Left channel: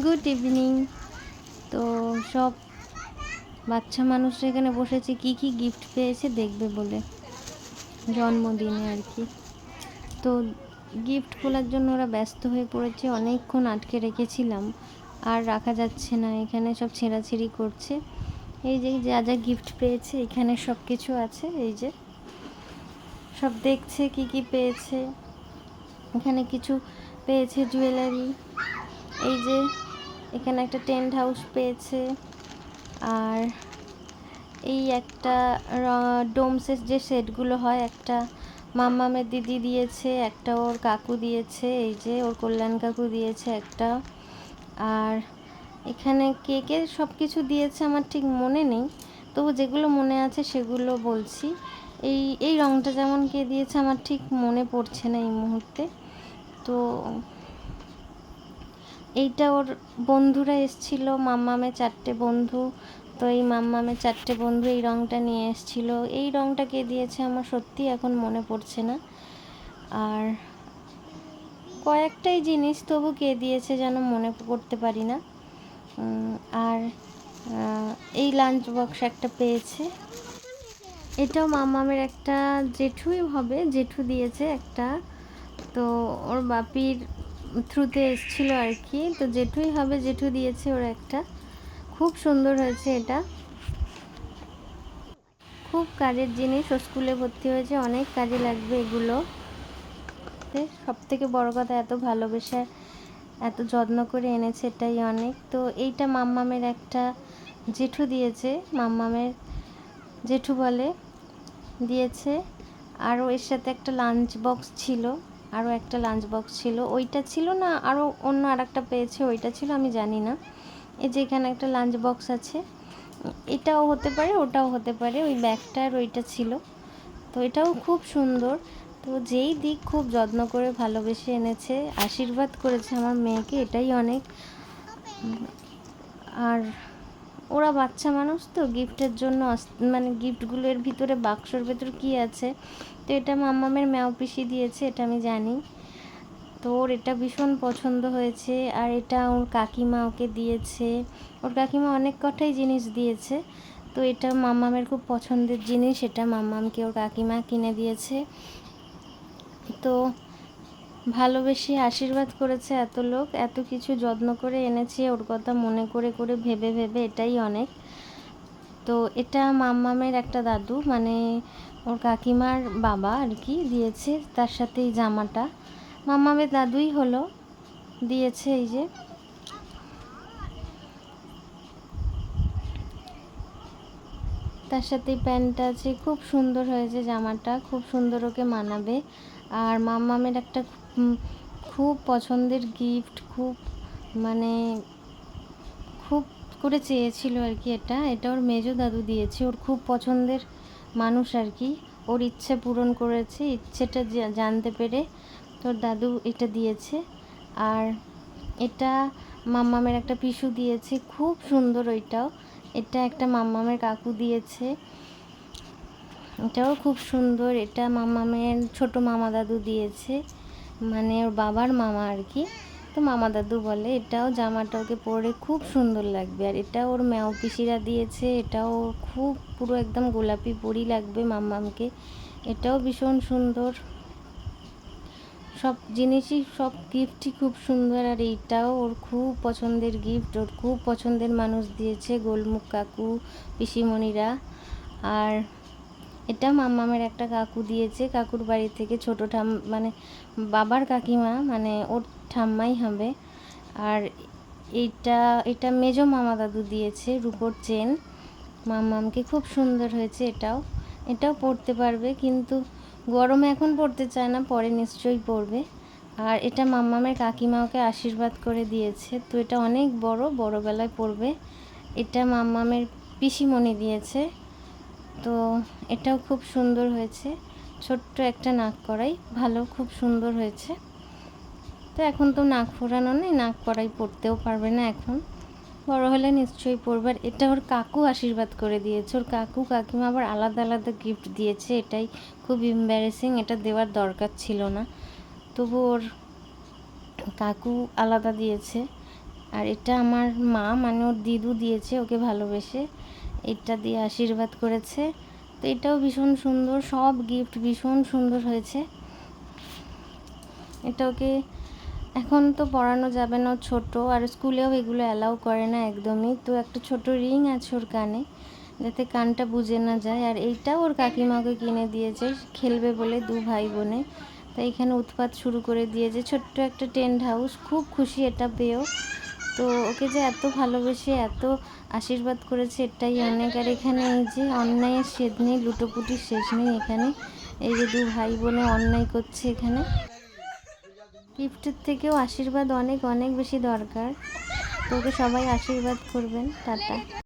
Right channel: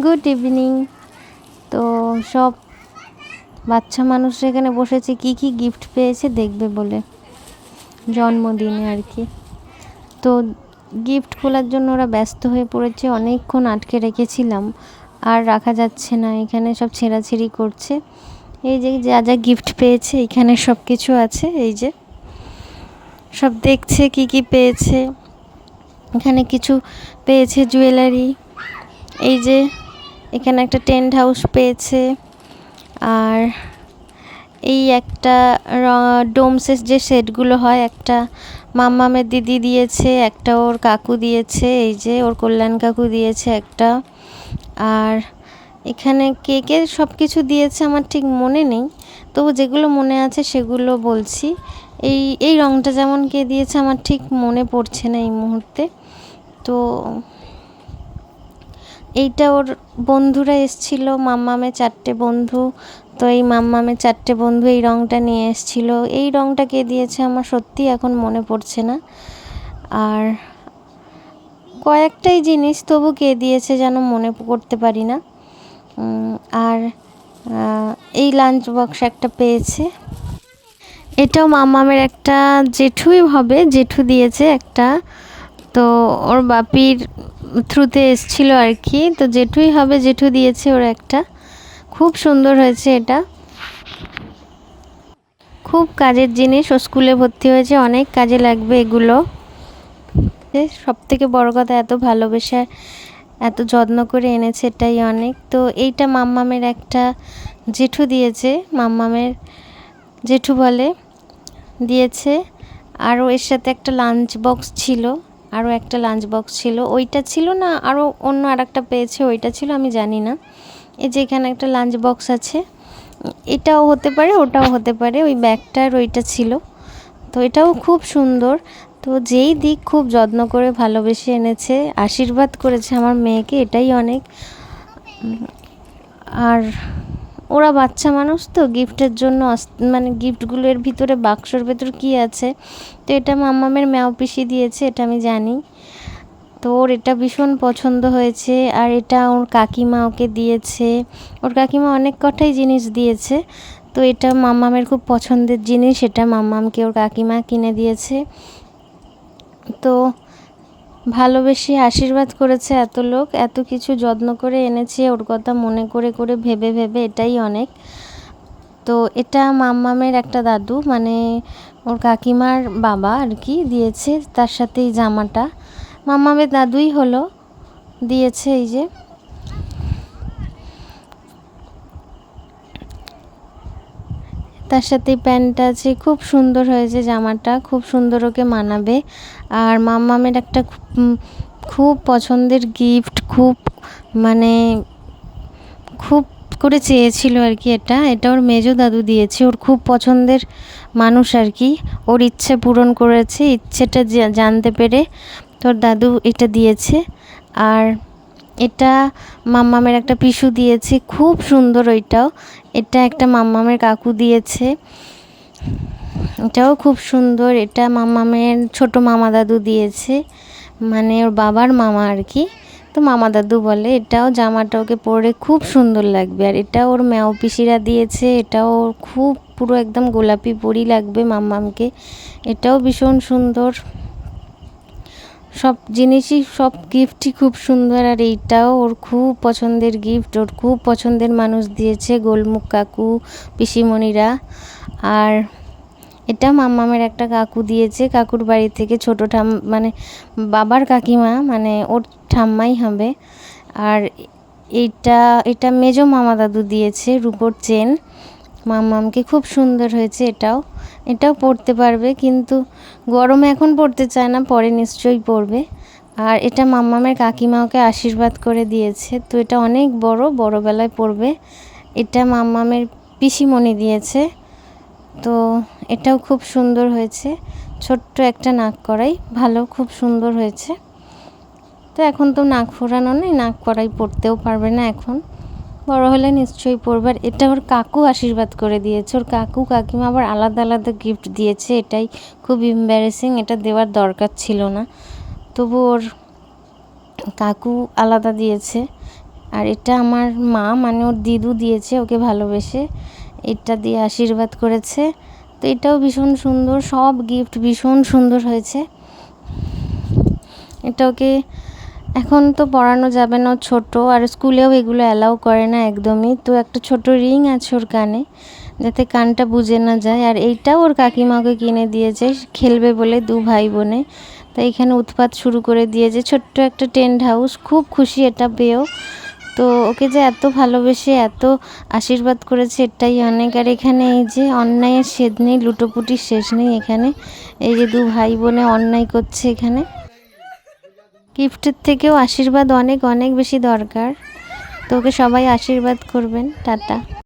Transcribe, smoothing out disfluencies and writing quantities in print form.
Good evening. তো সব বাচ্চা মানুষরা এখানে বসেছে কি কি গিফট পেয়েছে দেখবে বলে, জন্মদিনে আর কি। তো গিফট খোলার জন্য ওরা ব্যস্ত হয়ে পড়েছে, অনেকক্ষণ আটকে রেখেছিলাম, আর রাখা যাচ্ছে না। এখানে সব ছেঁড়াছিঁড়ি করছে। এই যে যা যা গিফট পেয়েছে এখানে সব কিছু আছে, এই যে সব দেখছে কি কি পেয়েছে। এখানে কিছু পেয়েছে জুয়েলারি, এই যে এখানে একটা টেন্ট হাউস পেয়েছে, আর এই একটা ডোমসের যে সেটগুলো হয়, একটা মাম্মামের দিদি দিয়েছে, একটা ওর কাকু দিয়েছে, এই যে ওর কল্যাণ কাকু দিয়েছে একটা। আর এখানে কে কে সব কিছু দিয়েছে আমার ঠিক মনে নেই, তবু যেগুলো মনে আছে সেগুলো বলছি। এই রঙটা যেমন কে দিয়েছে আমার ঠিক মনে পড়ছে না এই মুহূর্তে। তো এইটা ওর বন্ধুরা এসছিল, মাম্মামের 4টে বন্ধু। তো এই মাম্মামের 4টে বন্ধু এই রঙটা নিয়ে এসছিল। এই রঙটা কে দিয়েছে আমার সত্যি এখন মনে পড়ছে না। আর কয়েকটাই জিনিস, তবু কে দিয়েছে যেন মনে করতে পারি না। আর এই লাঞ্চ বক্স একটা পেয়েছে, এটাও মাম্মামের একটা জেঠুই হবে, জেঠু দিয়েছে একটা। তো ওর বাপির থ্রুতে এসছিল আর কি, তো জেঠুই হবে, জেঠু দিয়েছে ওর একটা। খুব সুন্দর হয়েছে এটা, খুব কাজের জিনিস। ও স্কুলে ভর্তি হয়েছে, অনেক কাজে লাগবে এগুলো। সব থেকে বড় কথা, এত ভালোবেসে এত যত্ন করে এনেছে, এটাই অনেক। তো এইটা মাম্মামের একটা জেঠু দিয়েছে, মাম্মামের জেঠু বলে দিয়েছে। আরও এর সাথে একটা লাঞ্চ বক্স ছিল, আরও একটা লাঞ্চ বক্স ছিল, ওইটা ছিল না, আরও অন্য আর একটা পেয়েছে, ওইটা ছিল আমি জানি না। এই যে এখানে একটা লাঞ্চ বক্স আছে, এটাও হতে পারে ওটাও হতে পারে, ওই ব্যাগটার ওইটা ছিল। তো এটাও খুব সুন্দর। তো যেই দিক খুব যত্ন করে ভালোবেসে এনেছে, আশীর্বাদ করেছে আমার মেয়েকে, এটাই অনেক। আর ওরা বাচ্চা মানুষ তো, গিফটের জন্য মানে গিফটগুলোর ভিতরে বাক্সর ভেতর কী আছে। তো এটা মাম্মামের ম্যাও পিসি দিয়েছে, এটা আমি জানি। তো ওর এটা ভীষণ পছন্দ হয়েছে। আর এটা ওর কাকিমা ওকে দিয়েছে, ওর কাকিমা অনেক কটাই জিনিস দিয়েছে। তো এটা মাম্মামের খুব পছন্দের জিনিস, এটা মাম্মামকে ওর কাকিমা কিনে দিয়েছে। তো ভালোবেসে আশীর্বাদ করেছে এত লোক, এত কিছু যত্ন করে এনেছে, ওর কথা মনে করে করে ভেবে ভেবে, এটাই অনেক। তো এটা মাম্মামের একটা দাদু, মানে ওর কাকিমার বাবা আর কি দিয়েছে, তার সাথে এই জামাটা মাম্মামের দাদুই হলো, দিয়েছে। এই যে তার সাথে প্যান্টটা আছে, খুব সুন্দর হয়েছে জামাটা, খুব সুন্দর ওকে মানাবে। আর মাম্মামের একটা খুব পছন্দের গিফট, খুব মানে খুব করে চেয়েছিল আর কি, এটা ওর মেজো দাদু দিয়েছে, ওর খুব পছন্দের মানুষ আর কি। ওর ইচ্ছে পূরণ করেছে, ইচ্ছেটা জানতে পেরে তোর দাদু এটা দিয়েছে। আর এটা মাম্মামের একটা পিসু দিয়েছে, খুব সুন্দর ওইটাও। এটা একটা মাম্মামের কাকু দিয়েছে, এটাও খুব সুন্দর। এটা মাম্মামের ছোট মামা দাদু দিয়েছে, মানে ওর বাবার মামা আর কি, তো মামা দাদু বলে। এটাও জামাটা ওকে পরে খুব সুন্দর লাগবে। আর এটা ওর ম্যাও পিসিরা দিয়েছে, এটাও খুব পুরো একদম গোলাপি পরি লাগবে মাম্মামকে, এটাও ভীষণ সুন্দর। সব জিনিসই, সব গিফটই খুব সুন্দর। আর এইটাও ওর খুব পছন্দের গিফট, ওর খুব পছন্দের মানুষ দিয়েছে, গোলমুখ কাকু পিসিমণিরা। আর এটা মাম্মামের একটা কাকু দিয়েছে, কাকুর বাড়ি থেকে ছোট মানে বাবার কাকিমা, মানে ওর ঠাম্মাই হবে। আর এটা মেজো মামা দাদু দিয়েছে, রূপোর চেন মাম্মামকে, খুব সুন্দর হয়েছে। এটাও পরতে পারবে, কিন্তু গরমে এখন পরতে চায় না, পরে নিশ্চয়ই পরবে। আর এটা মাম্মামের কাকিমা ওকে আশীর্বাদ করে দিয়েছে, তো এটা অনেক বড়বেলায় পরবে। এটা মাম্মামের পিসিমণি দিয়েছে। তো এটাও খুব সুন্দর হয়েছে, ছোট্ট একটা নাক করাই, ভালো, খুব সুন্দর হয়েছে। তো এখন তো নাক ফোরানো নেই, নাক করাই পরতেও পারবে না এখন, বড় হলে নিশ্চয়ই পরবে। আর এটা ওর কাকু আশীর্বাদ করে দিয়েছে, ওর কাকু কাকিমা আবার আলাদা আলাদা গিফট দিয়েছে, এটাই খুব এম্বারেসিং, এটা দেওয়ার দরকার ছিল না, তবু ওর কাকু আলাদা দিয়েছে। আর এটা আমার মা মানে ওর দিদু দিয়েছে ওকে ভালোবেসে, এটা দিয়ে আশীর্বাদ করেছে। তো এটাও ভীষণ সুন্দর, সব গিফট ভীষণ সুন্দর হয়েছে। এটা ওকে এখন তো পড়ানো যাবে না, ছোট, আর স্কুলেও এগুলো অ্যালাউ করে না একদমই। তো একটা ছোট রিং আছে ওর কানে, যাতে কানটা বুজে না যায়। আর এইটাও ওর কাকিমাকে কিনে দিয়েছে খেলবে বলে, দু ভাই বোনে। তাই এখানে উৎপাত শুরু করে দিয়েছে, ছোট্ট একটা টেন্ট হাউস। খুব খুশি এটা পেয়েও। তো ওকে যে এত ভালোবেসে এত আশীর্বাদ করেছে এটাই অনেক। আর এখানে এই যে অন্যায়ের শেষ নেই, লুটোপুটির শেষ নেই এখানে। এই যে দু ভাই বোনে অন্যায় করছে এখানে। গিফটের থেকেও আশীর্বাদ অনেক অনেক বেশি দরকার। তো ওকে সবাই আশীর্বাদ করবেন। টাটা।